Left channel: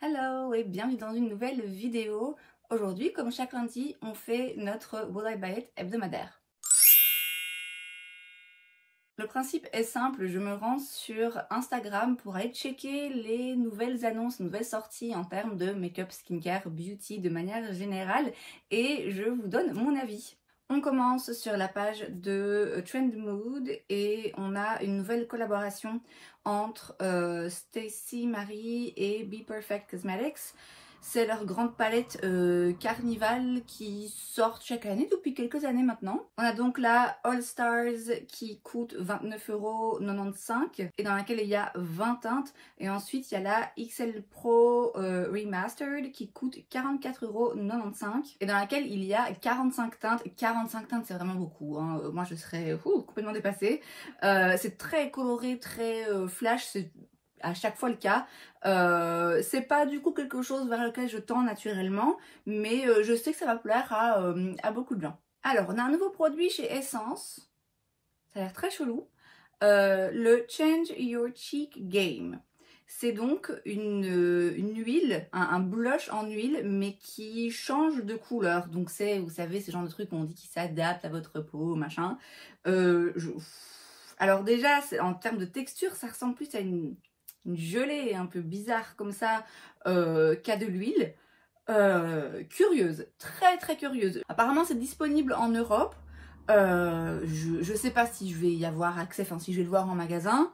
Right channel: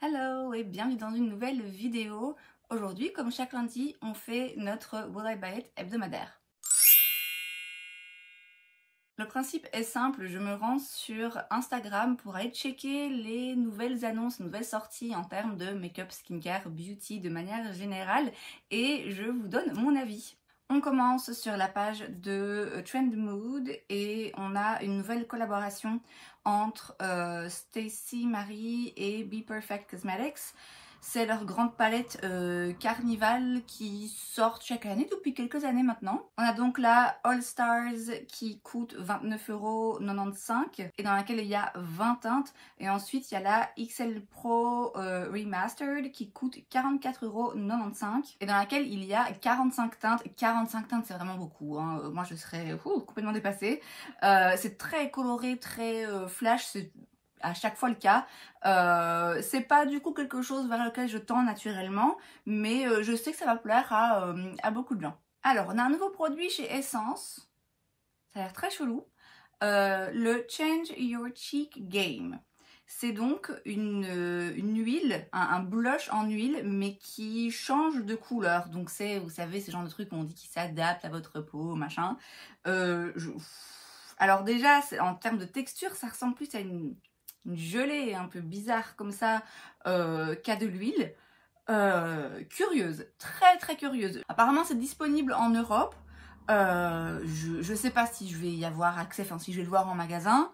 Hello et bienvenue dans une nouvelle vidéo. Aujourd'hui, comme chaque lundi, on fait notre Will I Buy It hebdomadaire. Le principe est simple, je me rends sur Instagram pour aller checker les nouvelles annonces, nouvelles sorties en termes de make-up, skincare, beauty de manière générale et je vous donne mon avis. On commence sur la page de Trend Mood et on a une nouvelle collaboration entre Stacey Marie et Be Perfect Cosmetics. C'est leur grande palette Carnival qui sort chaque année depuis quelques années maintenant. On a donc la All Stars qui coûte 29,95 € et dans laquelle il y a 20 teintes. Et ensuite il y a la XL Pro Remastered qui coûte 44,95 € et dans laquelle il y a 45 teintes. 45 teintes c'est vraiment beaucoup, hein. Moi je serais complètement dépassée. C'est très coloré, très flash, c'est à chaque fois le cas. C'est pas du coup quelque chose vers lequel je tends naturellement, mais je sais que ça va plaire à beaucoup de gens. Alors, on a un nouveau produit chez Essence, ça a l'air très chelou, le Change Your Cheek Game. C'est donc une huile, un blush en huile, mais qui change de couleur. Donc c'est, vous savez, ce genre de truc où on dit qu'il s'adapte à votre peau, machin. Alors déjà, en termes de texture, ça ressemble plus à une gelée un peu bizarre comme ça qu'à de l'huile. Curieuse, très curieuse. Apparemment c'est disponible en Europe. Je sais pas si je vais y avoir accès, enfin si je vais le voir en magasin.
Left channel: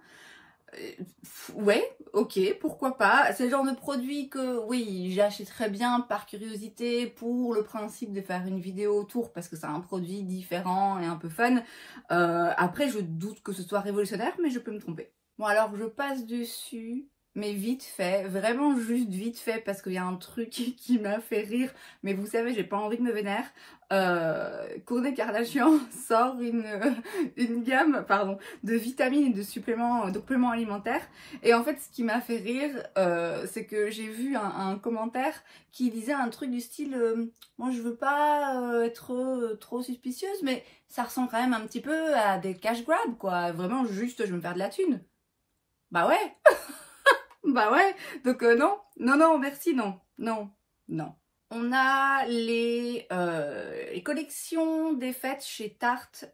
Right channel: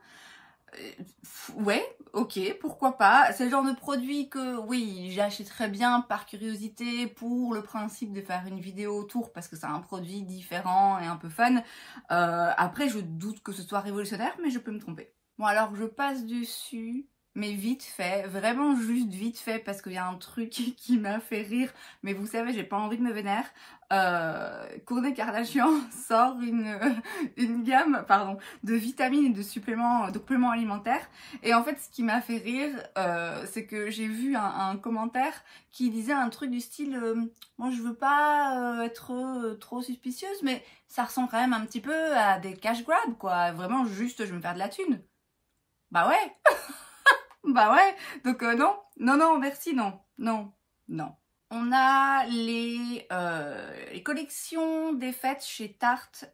Ouais, ok, pourquoi pas. C'est le genre de produit que oui, j'achèterais bien par curiosité pour le principe de faire une vidéo autour parce que c'est un produit différent et un peu fun. Après je doute que ce soit révolutionnaire, mais je peux me tromper. Bon alors je passe dessus, mais vite fait, vraiment juste vite fait parce qu'il y a un truc qui m'a fait rire, mais vous savez j'ai pas envie de me vénère. Kourtney Kardashian sort une gamme de vitamines et de suppléments, de compléments alimentaires et en fait ce qui m'a fait rire c'est que j'ai vu un commentaire qui disait un truc du style moi je veux pas être trop suspicieuse mais ça ressemble quand même un petit peu à des cash grabs quoi, vraiment juste je veux me faire de la thune. Bah ouais. Bah ouais, donc non, merci, non. On a les collections des fêtes chez Tarte,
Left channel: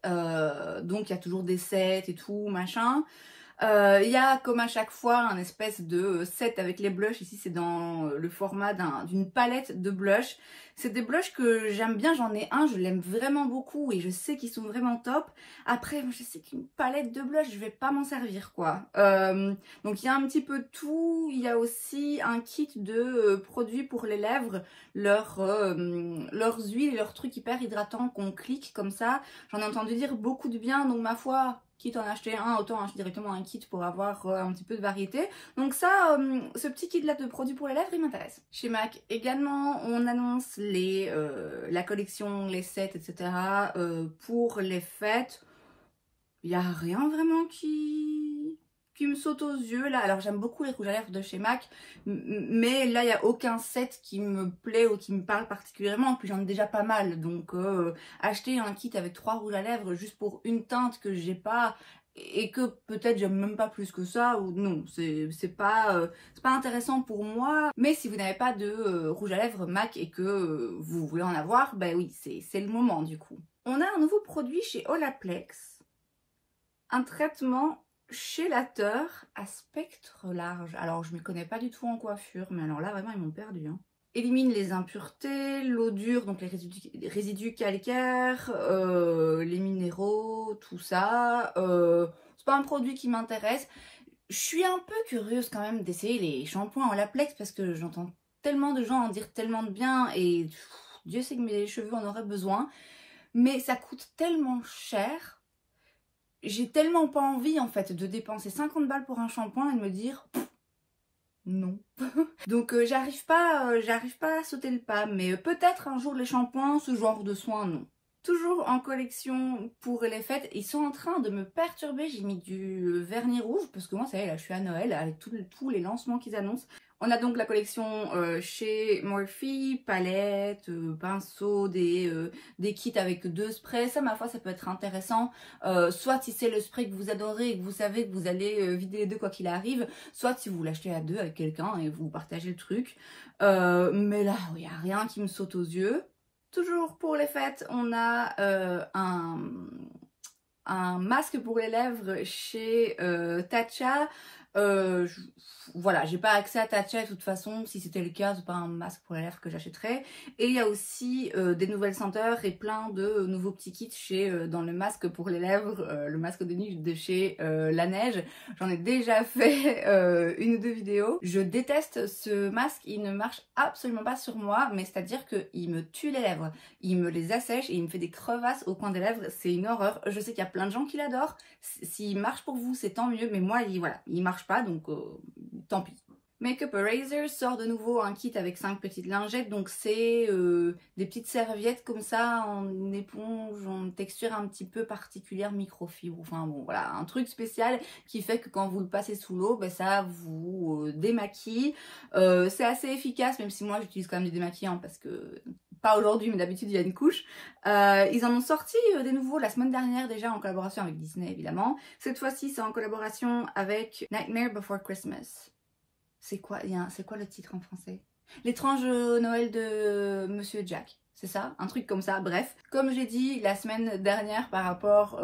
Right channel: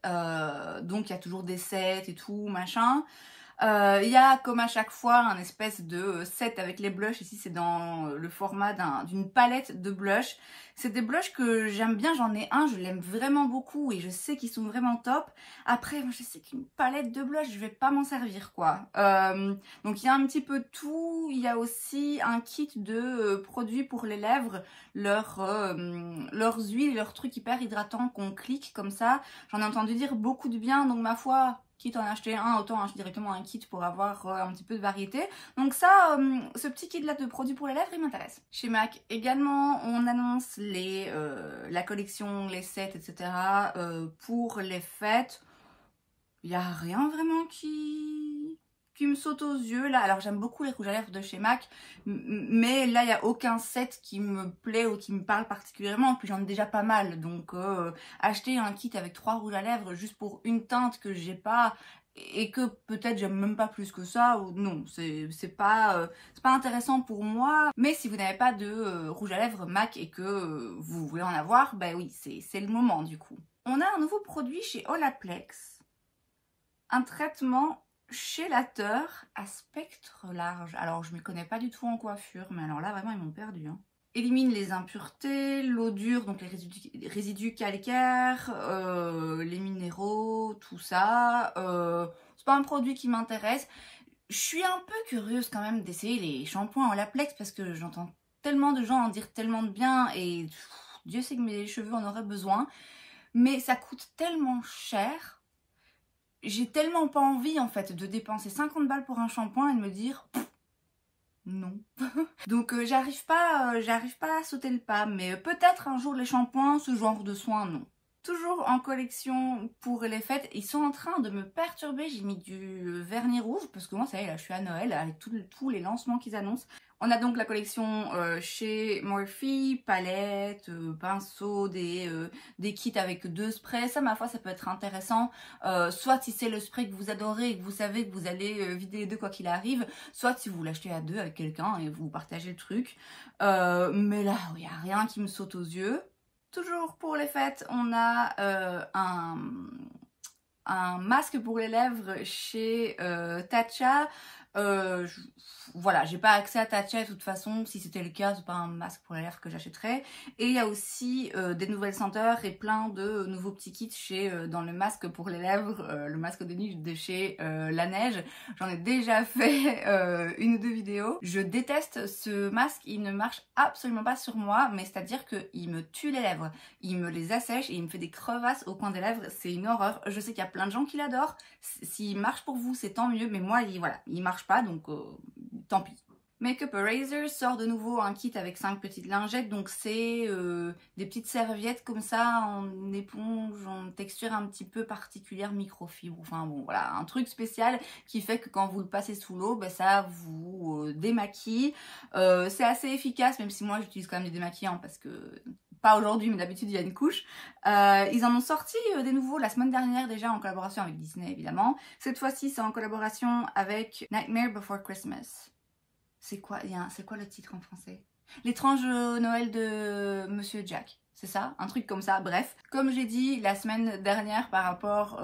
donc il y a toujours des sets et tout, machin. Il y a comme à chaque fois un espèce de set avec les blushs. Ici c'est dans le format d'une palette de blushs. C'est des blushs que j'aime bien, j'en ai un, je l'aime vraiment beaucoup et je sais qu'ils sont vraiment top. Après je sais qu'une palette de blushs je vais pas m'en servir quoi. Donc il y a un petit peu tout. Il y a aussi un kit de produits pour les lèvres, leurs huiles, leurs trucs hyper hydratants qu'on clique comme ça. J'en ai entendu dire beaucoup de bien donc ma foi, quitte à en acheter un, autant acheter directement un kit pour avoir un petit peu de variété. Donc ça, ce petit kit là de produits pour les lèvres, il m'intéresse. Chez MAC également, on annonce la collection, les sets, etc. Pour les fêtes. Il n'y a rien vraiment qui me saute aux yeux là. Alors j'aime beaucoup les rouges à lèvres de chez MAC, mais là il n'y a aucun set qui me plaît ou qui me parle particulièrement. Puis j'en ai déjà pas mal, donc acheter un kit avec 3 rouges à lèvres juste pour une teinte que j'ai pas et que peut-être j'aime même pas plus que ça, ou non, c'est pas intéressant pour moi. Mais si vous n'avez pas de rouge à lèvres MAC et que vous voulez en avoir, bah oui, c'est le moment du coup. On a un nouveau produit chez Olaplex, un traitement chélateur à spectre large. Alors je ne m'y connais pas du tout en coiffure, mais alors là vraiment ils m'ont perdu, hein. Élimine les impuretés, l'eau dure, donc les résidus calcaires, les minéraux, tout ça. C'est pas un produit qui m'intéresse. Je suis un peu curieuse quand même d'essayer les shampoings Olaplex parce que j'entends tellement de gens en dire tellement de bien et Dieu sait que mes cheveux en auraient besoin. Mais ça coûte tellement cher. J'ai tellement pas envie en fait de dépenser 50 balles pour un shampoing et de me dire non. Donc j'arrive pas à sauter le pas, mais peut-être un jour les shampoings, ce genre de soins, non. Toujours en collection pour les fêtes, ils sont en train de me perturber. J'ai mis du vernis rouge parce que moi ça y est, là je suis à Noël avec tous les lancements qu'ils annoncent. On a donc la collection chez Morphe, palettes, pinceaux, des kits avec 2 sprays. Ça, ma foi, ça peut être intéressant. Soit si c'est le spray que vous adorez et que vous savez que vous allez vider les deux quoi qu'il arrive. Soit si vous l'achetez à 2 avec quelqu'un et vous partagez le truc. Mais là, il n'y a rien qui me saute aux yeux. Toujours pour les fêtes, on a un masque pour les lèvres chez Tatcha. Voilà, j'ai pas accès à Tatcha de toute façon. Si c'était le cas, c'est pas un masque pour les lèvres que j'achèterais. Et il y a aussi des nouvelles senteurs et plein de nouveaux petits kits chez dans le masque pour les lèvres, le masque de nuit de chez La Neige. J'en ai déjà fait 1 ou 2 vidéos. Je déteste ce masque, il ne marche absolument pas sur moi, mais c'est à dire qu'il me tue les lèvres, il me les assèche et il me fait des crevasses au coin des lèvres. C'est une horreur. Je sais qu'il y a plein de gens qui l'adorent. S'il marche pour vous, c'est tant mieux, mais moi, il marche pas, donc tant pis. Makeup Eraser sort de nouveau un kit avec 5 petites lingettes, donc c'est des petites serviettes comme ça en éponge, en texture un petit peu particulière, microfibre, enfin bon voilà, un truc spécial qui fait que quand vous le passez sous l'eau, ben, ça vous démaquille. C'est assez efficace, même si moi j'utilise quand même du démaquillant parce que, pas aujourd'hui mais d'habitude il y a une couche. Ils en ont sorti des nouveaux la semaine dernière déjà en collaboration avec Disney évidemment. Cette fois-ci c'est en collaboration avec Nightmare Before Christmas. C'est quoi le titre en français? L'étrange Noël de Monsieur Jack. C'est ça? Un truc comme ça, bref. Comme j'ai dit la semaine dernière par rapport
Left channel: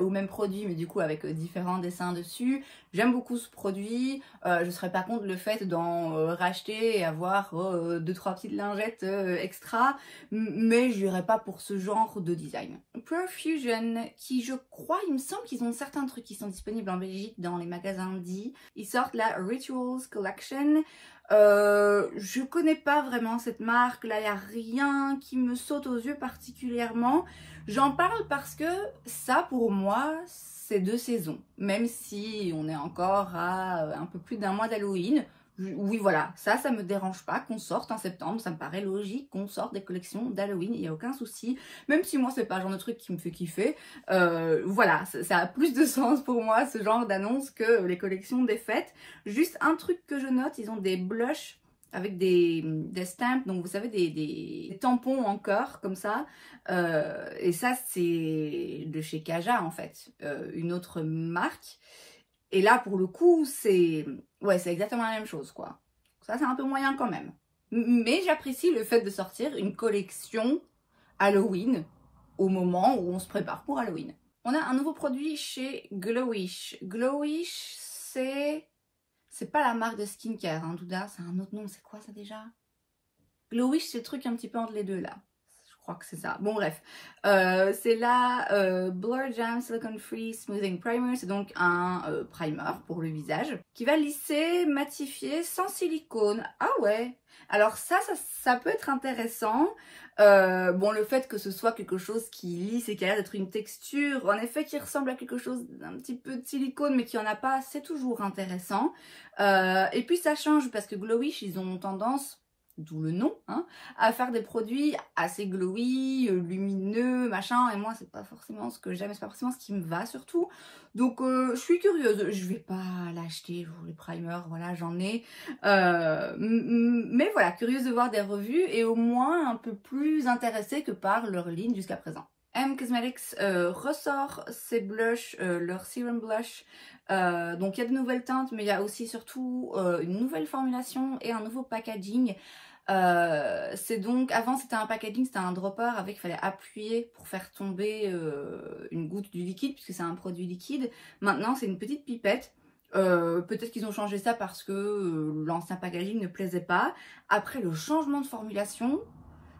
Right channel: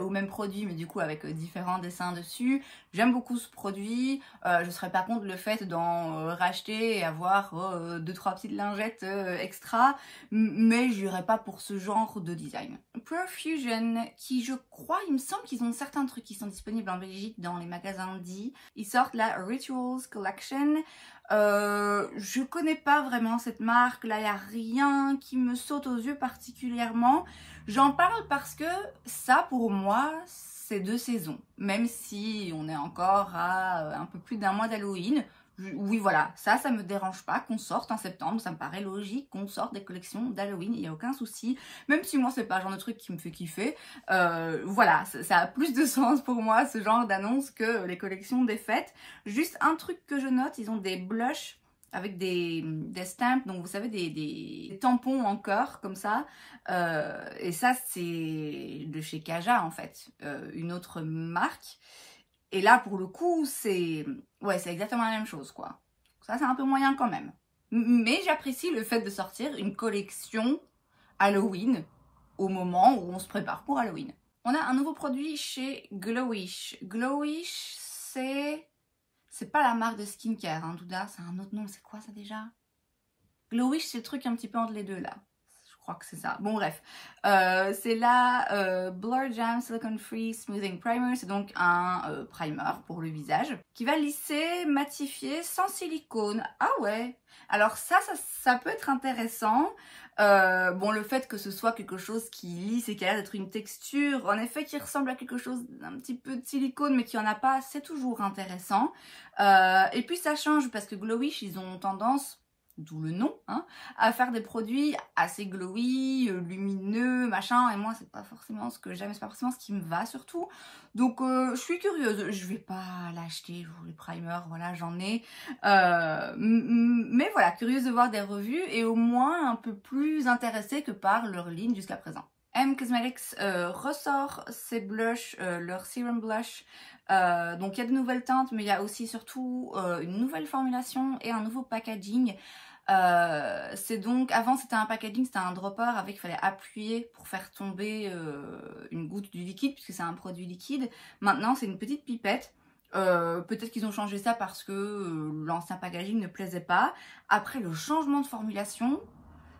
au même produit, mais du coup avec différents dessins dessus, j'aime beaucoup ce produit. Je serais pas contre le fait d'en racheter et avoir 2-3 petites lingettes extra, mais j'irais pas pour ce genre de design. Profusion, qui je crois, il me semble qu'ils ont certains trucs qui sont disponibles en Belgique dans les magasins dits. Ils sortent la Rituals Collection. Je connais pas vraiment cette marque, là il n'y a rien qui me saute aux yeux particulièrement. J'en parle parce que ça pour moi c'est de saison, même si on est encore à un peu plus d'1 mois d'Halloween. Oui voilà, ça me dérange pas qu'on sorte en septembre, ça me paraît logique qu'on sorte des collections d'Halloween, il n'y a aucun souci, même si moi c'est pas le genre de truc qui me fait kiffer. Voilà, ça a plus de sens pour moi ce genre d'annonce que les collections des fêtes. Juste un truc que je note, ils ont des blushs avec des stamps, donc vous savez des tampons en cœur comme ça, et ça c'est de chez Kaja en fait, une autre marque. Et là, pour le coup, c'est exactement la même chose, quoi. Ça, c'est un peu moyen quand même. Mais j'apprécie le fait de sortir une collection Halloween au moment où on se prépare pour Halloween. On a un nouveau produit chez Glowish. Glowish, c'est pas la marque de skincare, hein, Douda, c'est un autre nom. C'est quoi ça déjà? Glowish, c'est le truc un petit peu entre les deux, là. Je crois que c'est ça. Bon bref, c'est la Blur Jam Silicone Free Smoothing Primer. C'est donc un primer pour le visage qui va lisser, matifier sans silicone. Ah ouais, alors ça peut être intéressant. Bon, le fait que ce soit quelque chose qui lisse et qui a l'air d'être une texture, en effet, qui ressemble à quelque chose d'un petit peu de silicone, mais qui en a pas, c'est toujours intéressant. Et puis ça change parce que Glowish, ils ont tendance, d'où le nom, hein, à faire des produits assez glowy, lumineux, machin, et moi c'est pas forcément ce que j'aime, c'est pas forcément ce qui me va surtout, donc je suis curieuse, je vais pas l'acheter pour les primers, voilà j'en ai, mais voilà, curieuse de voir des revues et au moins un peu plus intéressée que par leur ligne jusqu'à présent. M Cosmetics ressort ses blushs, leur Serum Blush. Donc il y a de nouvelles teintes, mais il y a aussi surtout une nouvelle formulation et un nouveau packaging. C'est donc, avant c'était un packaging, c'était un dropper avec, il fallait appuyer pour faire tomber une goutte du liquide puisque c'est un produit liquide. Maintenant c'est une petite pipette. Peut-être qu'ils ont changé ça parce que l'ancien packaging ne plaisait pas. Après le changement de formulation,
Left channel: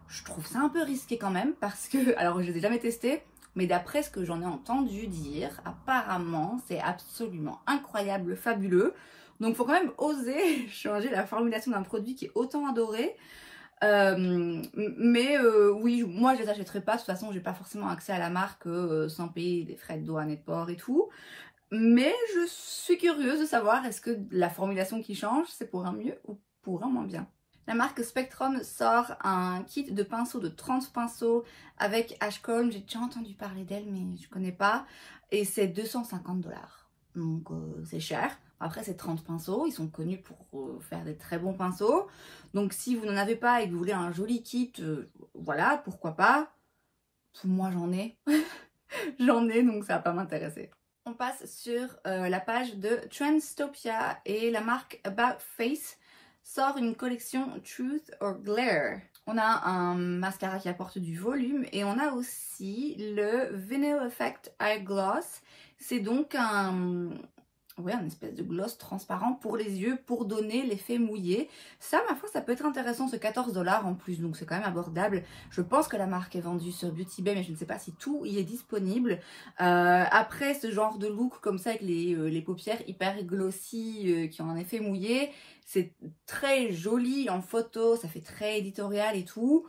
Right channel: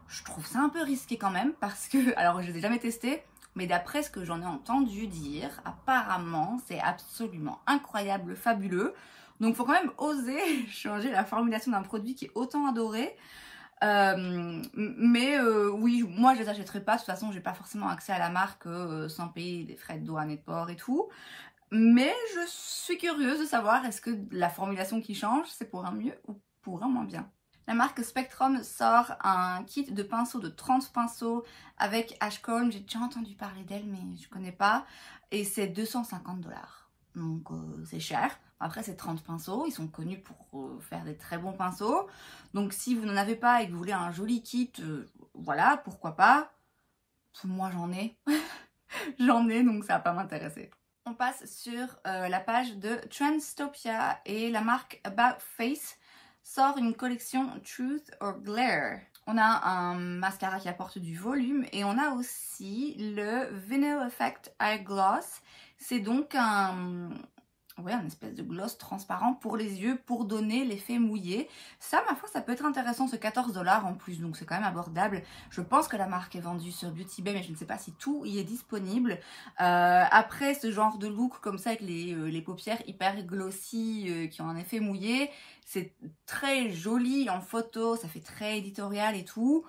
je trouve ça un peu risqué quand même parce que, alors je ne l'ai jamais testé, mais d'après ce que j'en ai entendu dire, apparemment c'est absolument incroyable, fabuleux. Donc il faut quand même oser changer la formulation d'un produit qui est autant adoré. Oui, moi je les achèterai pas, de toute façon j'ai pas forcément accès à la marque sans payer des frais de douane et de port et tout. Mais je suis curieuse de savoir est-ce que la formulation qui change c'est pour un mieux ou pour un moins bien. La marque Spectrum sort un kit de pinceaux de 30 pinceaux avec Ashcombe. J'ai déjà entendu parler d'elle mais je connais pas. Et c'est 250 $. donc c'est cher. Après, c'est 30 pinceaux, ils sont connus pour faire des très bons pinceaux. Donc si vous n'en avez pas et que vous voulez un joli kit, voilà, pourquoi pas. Moi, j'en ai. J'en ai, donc ça va pas m'intéresser. On passe sur la page de Trendstopia et la marque About Face sort une collection Truth or Glare. On a un mascara qui apporte du volume et on a aussi le Vinyl Effect Eye Gloss. C'est donc un espèce de gloss transparent pour les yeux pour donner l'effet mouillé. Ça, ma foi, ça peut être intéressant. C'est 14 $ en plus, donc c'est quand même abordable. Je pense que la marque est vendue sur Beauty Bay, mais je ne sais pas si tout y est disponible. Après, ce genre de look comme ça avec les paupières hyper glossy qui ont un effet mouillé, c'est très joli en photo, ça fait très éditorial et tout.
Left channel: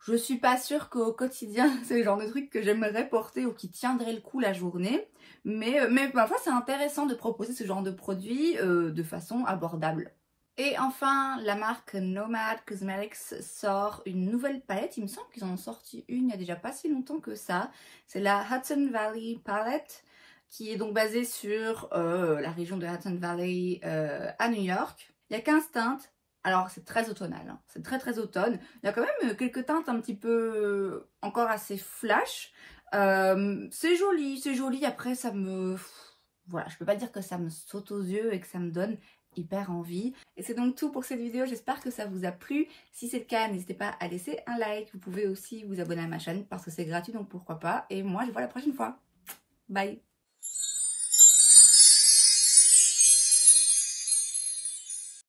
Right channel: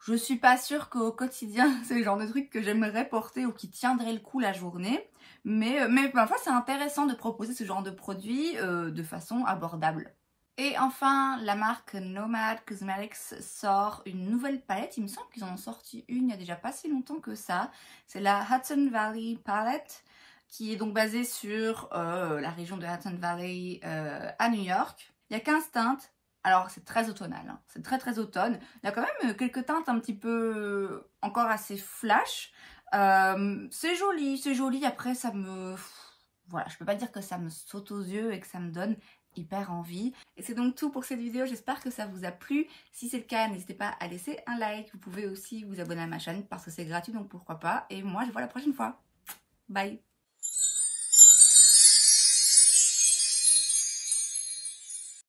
Je suis pas sûre qu'au quotidien, c'est le genre de truc que j'aimerais porter ou qui tiendrait le coup la journée. Mais parfois, c'est intéressant de proposer ce genre de produit de façon abordable. Et enfin, la marque Nomad Cosmetics sort une nouvelle palette. Il me semble qu'ils en ont sorti une il n'y a déjà pas si longtemps que ça. C'est la Hudson Valley Palette, qui est donc basée sur la région de Hudson Valley à New York. Il y a 15 teintes. Alors, c'est très automnal, hein. C'est très très automne. Il y a quand même quelques teintes un petit peu encore assez flash. C'est joli, c'est joli. Après, ça me... Voilà, je peux pas dire que ça me saute aux yeux et que ça me donne hyper envie. Et c'est donc tout pour cette vidéo. J'espère que ça vous a plu. Si c'est le cas, n'hésitez pas à laisser un like. Vous pouvez aussi vous abonner à ma chaîne parce que c'est gratuit, donc pourquoi pas. Et moi, je vous vois la prochaine fois. Bye!